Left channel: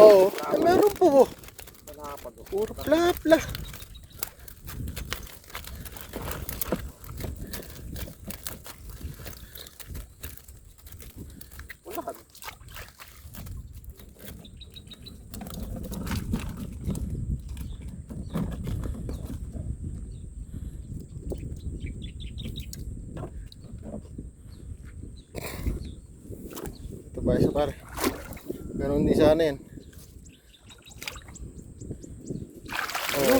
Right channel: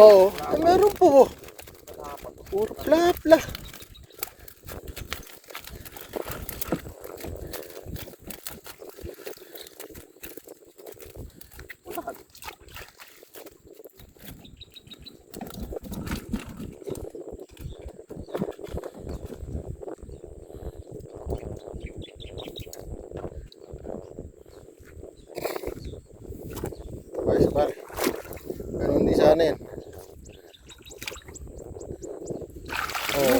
Oo, ay meron po. Puro pla-pla. Tabay sa pare. Pero hindi sana yan. Oh,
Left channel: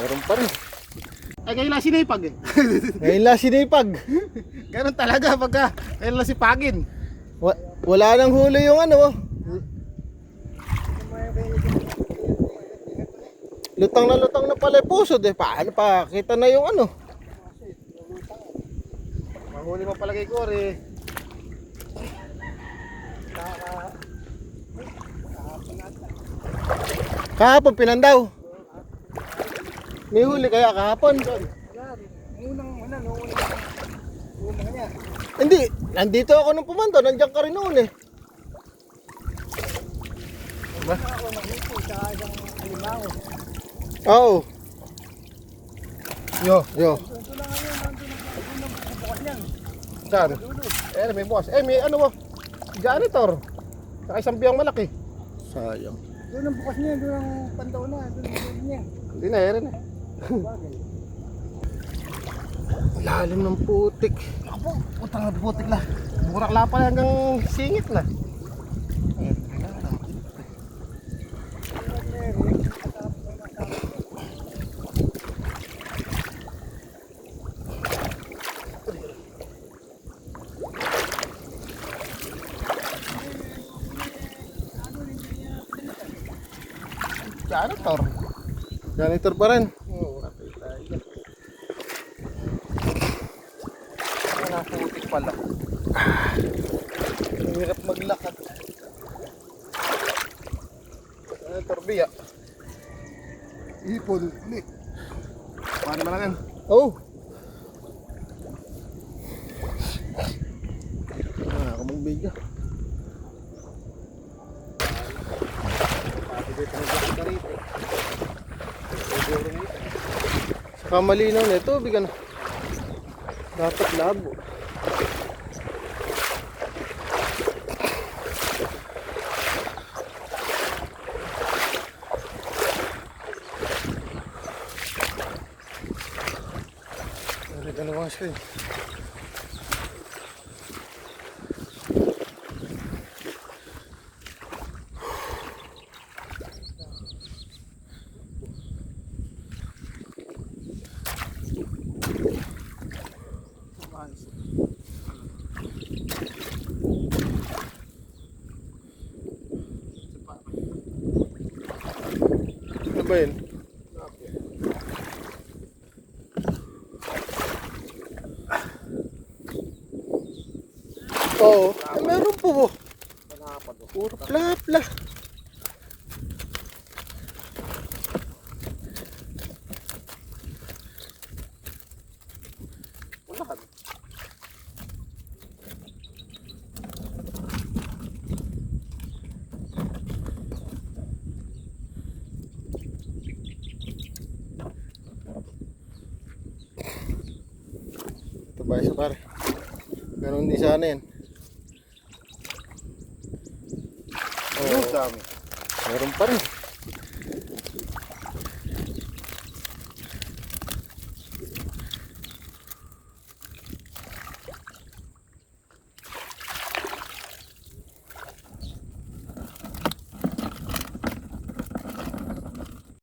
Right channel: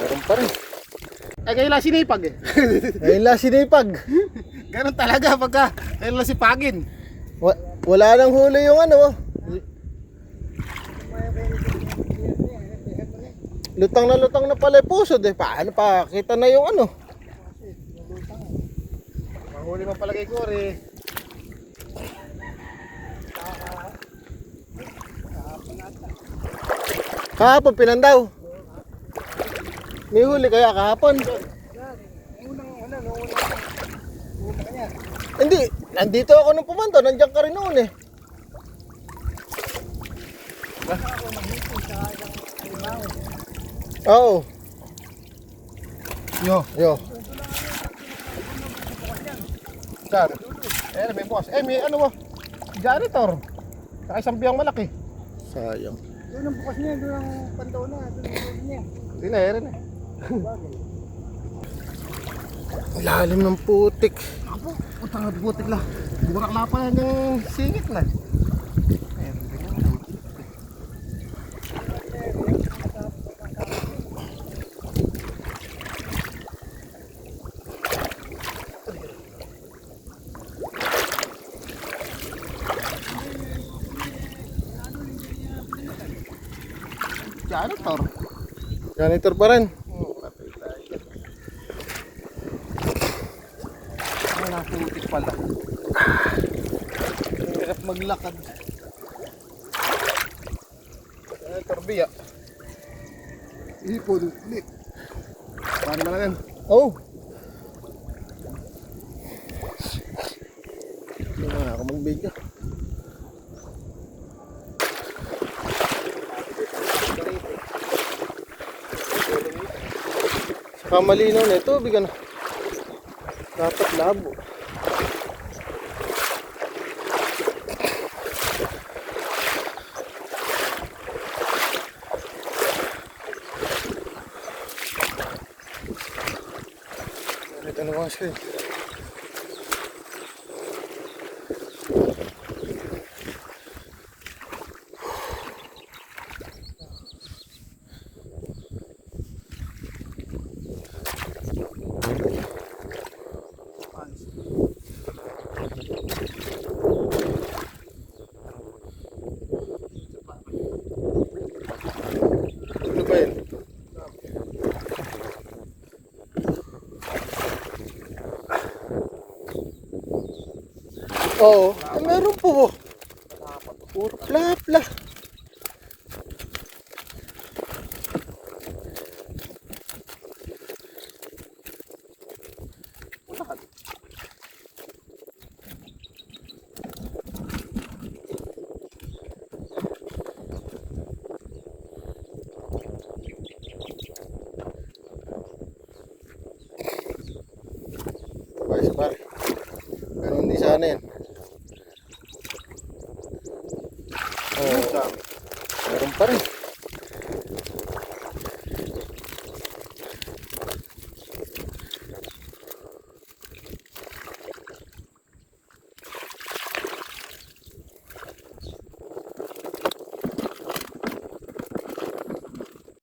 meron pa rin. Ay kayo lang sinipag eh. Ngayon lang sinipag. Ganun talaga pagka kayo lang sipagin. Wala nang huli yung ano. Lutang na pala yung pusod eh. Paano pa? Kita na yung ano. Mahuli mo pala kay Cory. Kahapon pinandaw. May huli kaya kahapon? Unang kanya. Hindi, nandito ako nung pumanto, nandiyan ka rin noon eh. Oo. Yo. Saan? Eh, may bukas. Eh, may ano mo? Janitor. Saka isang biyang malaki. Sayang. Doon ang bukas niya, doon ang pandaw na. Doon niya. Hindi na, ere na. Lalim ng putik. Apo, utang na butik lang. Burak lapa hanggang singit na. Ayan, ganyan. Janitor. Janitor pa rin. Wala putik pala. Hirap maglakad. Janitor biya. Ipon, ulit. Paano malangan? Oh. Hindi na ako mag-video. Saka malinaw na ito, bigan. Dapat labo. Ano bang screen? Ano ba yun? Oo, ay meron po. Puro pla-pla. Tabay sa pare. Pero hindi sana yan. Oh, meron pa rin.